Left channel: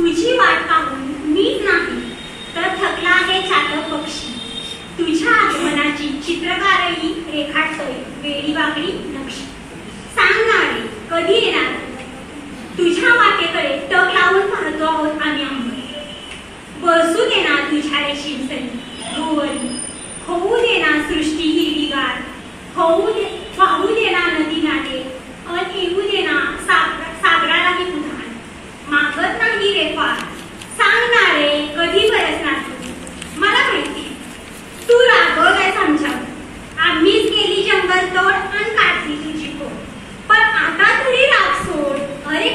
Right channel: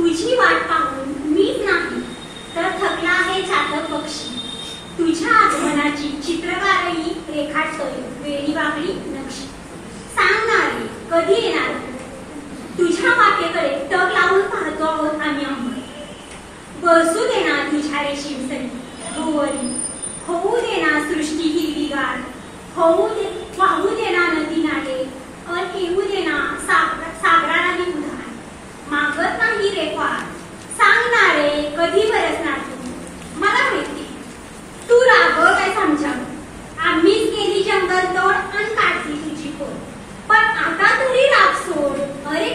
तुझी वाट पाहून मीच नाही तर थकला आहे चातक पक्षी. तुझ्या आगमनाची चित्रकारही रेखाटतोय वेळी वाकडी नक्षी. सांगणारे कधी येणार तुझ्या वाटेकडे टक लावून पाहतो आहोत आम्ही अंबर. बसू देणार तुझ्या रेशीम सरी गोवरी, होऊ देणार सृष्टी हिरवीगार, वाहू देणार नदी नाले, येऊ देणार सागरालाही उधाण. मागत नाही रे फार सांगणारे कधी बरसणार तुम्ही. मला माहिती तू रागवलायस आमच्यावर, आम्हीच केली जंगल तोड आणि काढली तुझी पोट. पण आता तरी राग सोड. अरे